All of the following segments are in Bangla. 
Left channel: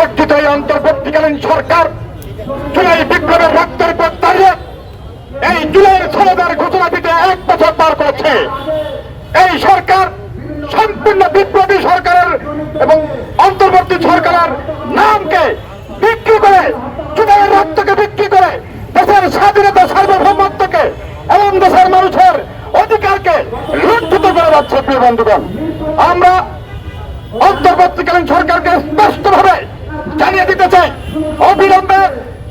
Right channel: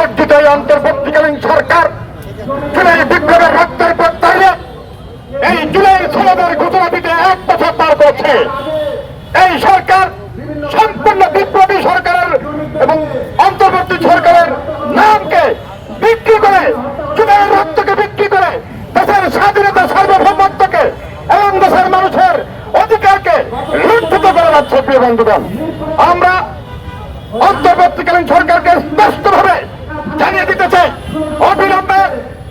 অর্জিত এই অন্তর্বর্তীকালীন সরকার জুলাই বিপ্লবের রক্তের প্রত্যাহে এই জুলাই সনদের ঘোষণা দিতে 1 বছর পার করেছে। এই সরকার সম্পূর্ণ বিপ্লবী সরকারের এবং অন্তর্বর্তী সরকারের নামকে বিক্রি করে, জুলাইয়ের রক্তকে বিক্রি করে দেশের স্বাধীনতা সার্বভৌমত্বকে এবং দেশের মানুষের অধিকারকে লুণ্ঠিত করে যাচ্ছে। প্রিয় বন্ধুগণ, আমরা অন্তর্বর্তীকালীন সরকারকে স্পষ্টভাবে জানিয়ে দিতে চাই, অবিলম্বে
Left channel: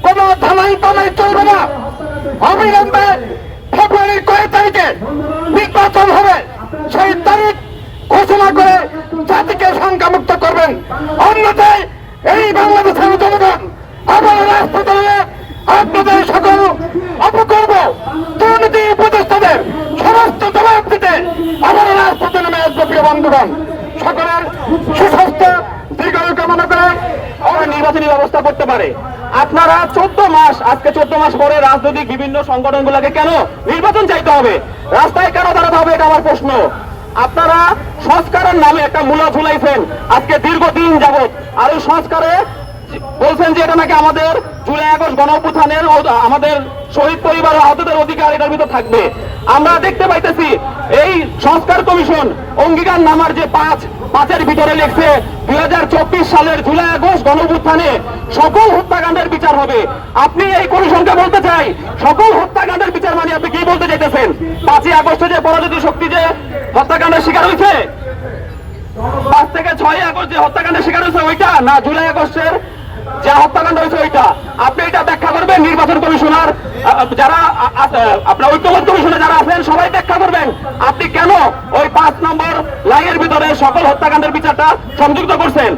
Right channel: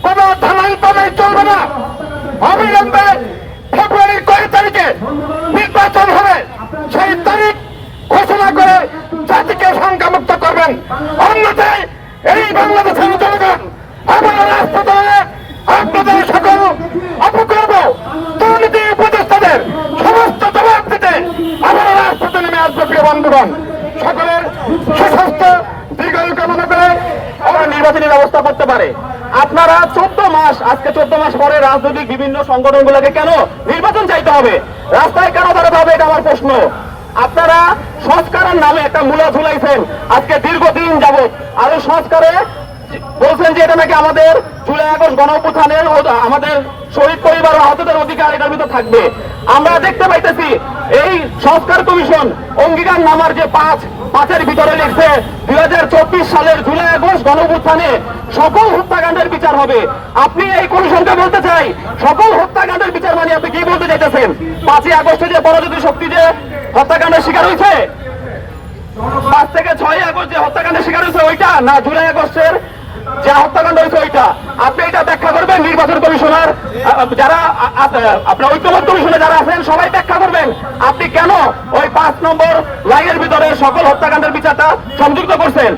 কোন ধালাই পালাই চলবে না। অবিলম্বে ফেব্রুয়ারির কয়েক তারিখে নির্বাচন হবে, সেই তারিখ ঘোষণা করে জাতিকে সংখ্যামুক্ত করবেন। অন্যথায় এই বাংলাদেশের জনগণ আবার রাজপথে আপনাদের সকল অপকর্ম দুর্নীতি উপদেষ্টাদের সমস্ত জবাব দিতে আবার রাজপথে নেমে আসবে। প্রিয় বন্ধুগণ, সকলের সুস্বাস্থ্য দীর্ঘায়ু কামনা করে আমরা নির্বাচনী ব্যবস্থা করতে পারে। আপনারা 14 মাস, আজকে 14 মাস পরে রাজনৈতিক বিভিন্ন সংগঠনগুলোকে কেন নির্বাচন চাইতে হবে, রাস্তায় কেন দাঁড়াতে হবে, এটা আমার প্রশ্ন। আপনারা সংস্কারের নামে একটা মূলা ঝুলাইছেন আজকে দীর্ঘদিন যাবৎ, আরো সংস্কারে বলছেন যে এটা নাকি আমাদের জুলাই আগস্ট গণঅভ্যুত্থানের আমাদের শহীদ পরিবার আহতদের অধিকার এটার ভিতর থাকবে। আমরা দেখতে পাইতেছি এই সংস্কার কমিশন অঙ্গীকার নামার যে 5-5 ভিতরে লিখছে 2024 সালের জুলাই আগস্ট গণঅভ্যুত্থানে সকল হত্যাকাণ্ডের বিচার হবে। আপনি এই কমিশনকে বলতে চাই সকল হত্যাকাণ্ডের বিচার মানে আপনি কি বলতে চাইতেছেন? 5 আগস্টে যে পরাজিত শক্তি যে হত্যাকাণ্ডের শিকার হয়েছে, 5 থেকে 6 আগস্ট যে হত্যাকাণ্ডের শিকার হয়েছে ওইটা, না জুলাই আগস্টের যে হত্যাকাণ্ড হয়েছে ওইটা? আপনি এটা ব্যাখ্যা করবেন। নির্বাচন কমিশনার যারা আপনার ঐক্যবদ্ধ কমিশনে যারা আছেন সবাই ব্যাখ্যা করবেন আপনি কেন ওই 5 নম্বর লাইনের ভিতরে সকল হত্যাকাণ্ডের বিচারটা সংযুক্ত করছেন।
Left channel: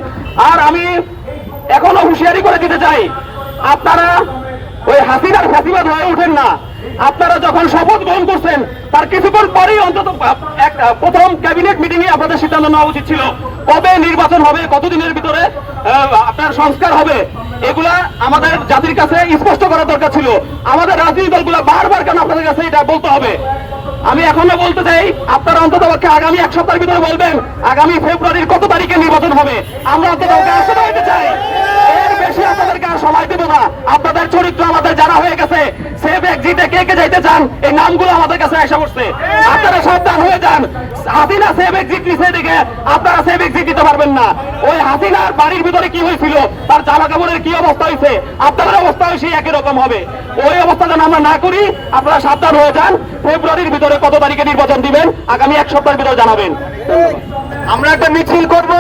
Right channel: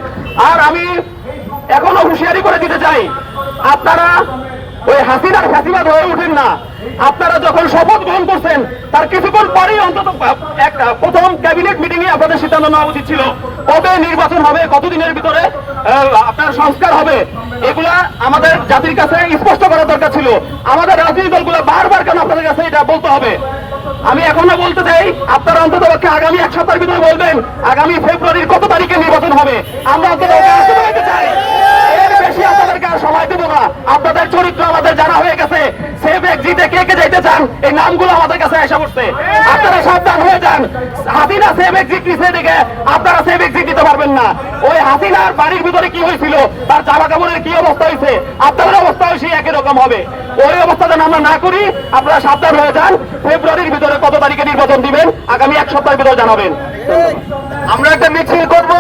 আর আমি এখনো হুঁশিয়ারি করে দিতে চাই, আপনারা ওই হাসিনার ফাঁসিবাদ হয়ে উঠেন না। আপনারা যখন শপথ গ্রহণ করছেন তার কিছুক্ষণ পরেই অন্তত প্রথম ক্যাবিনেট মিটিং এ আপনাদের সিদ্ধান্ত নেওয়া উচিত ছিল কবে নির্বাচন হবে, কতদিনের ভিতরে আপনার সংস্কার হবে। এগুলা আমাদের জাতির কাছে স্পষ্ট করা দরকার ছিল। আমাদের রাজনৈতিক দলগুলো বারবার কেন আপনাদের কাছে এটা বলতে হবে? আমি এখনো বলতে চাই, আপনারা অন্তত পক্ষে আগামী 1 সপ্তাহের ভিতরে বলবেন আগামী ফেব্রুয়ারির কত তারিখে নির্বাচন হবে। আমরা অন্তত চাই, এর বেশি আপনাদেরকে আর সময় দেবো না। আপনাদের চরিত্র আমাদের জানা হয়ে গেছে। সেভ এক্সিটে কে কে যাইতে চান এই নামগুলো আমাদের কাছে আসা করছে। আপনারা সাবধান হয়ে যান। হাসিনা সেভ এক্সিট নিচে দেখে আপনারা সেভ এক্সিট দিতে পারবেন না। ওই হাসিনার বাড়ির ভিতরে কি হয়েছিল, তার জামা কাপড়ের কি অবস্থা হয়েছে, আপনাদের অবস্থা সেই একই রকম হবে। ওই অবস্থা যেন আমরা না করি, আপনারা সাবধান হয়ে যান। ফেব্রুয়ারির ভিতরে কত তারিখে নির্বাচন দিবেন আগামী 1 সপ্তাহের ভিতরে জানাবেন। আমরা একটা মিছিল করবো।